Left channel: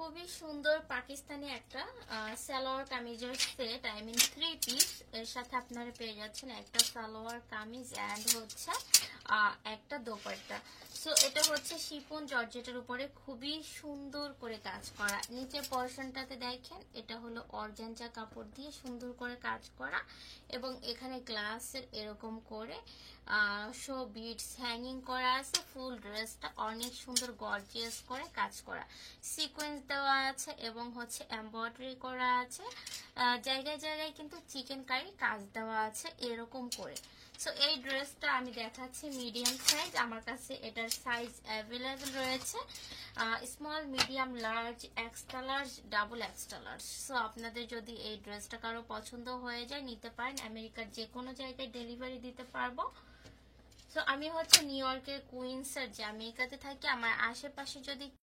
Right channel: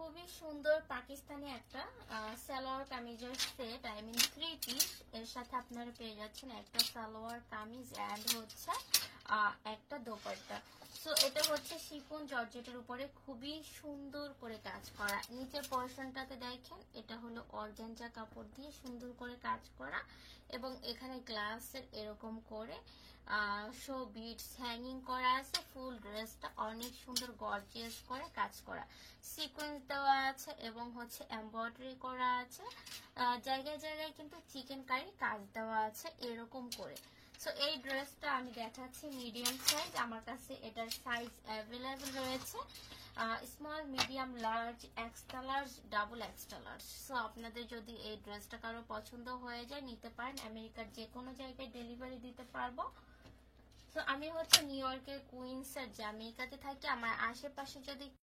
খুবই সুন্দর পাকিস্তানি একটা সালোয়ার কামিজের সেট, আই মিন 3 পিস। এর সাথে আপনারা পেয়ে যাচ্ছেন একটা সালোয়ার কামিজ এন্ড হচ্ছে একটা দোপাট্টা। সো এটা হচ্ছে শিফন জর্জেটের উপরে খুবই সুন্দর করে কাজ করা। নিচের পোরশনটাতে দেখেন এটা হলো অর্গানজা কাপড় দিয়ে সুন্দর করে কাজ করা, এবং এখানে গ্লাসের এরকম করে শো বিটস হ্যাঙ্গিং করা আছে। ফুল ড্রেসটা অনেক সুন্দর গর্জিয়াস করে কাজ করা, সিকোয়েন্স দেওয়া আছে এবং হচ্ছে এমব্রয়ডারি করা আছে। জায়গায় জায়গায় কিন্তু চিকেন কারি কাজ দেওয়া আছে এরকম করে। সো এই ড্রেসটা আমি দেখাচ্ছি মিডিয়াম সাইজ, আমার কাছে এটার সাইজ অ্যাভেলেবেল রয়েছে small, medium, large, extra large, double extra large. So আপনাদের যদি এই ড্রেসটা কারো পছন্দ হয়ে যায় নিতে পারেন, আমেরিকার যে কোনো জায়গায় ডেলিভারি দিতে পারবো। সো আমি হচ্ছে নিউ ইয়র্কের কুইন্সের যে আমেরিকাতে থাকি, আমার আশেপাশে যদি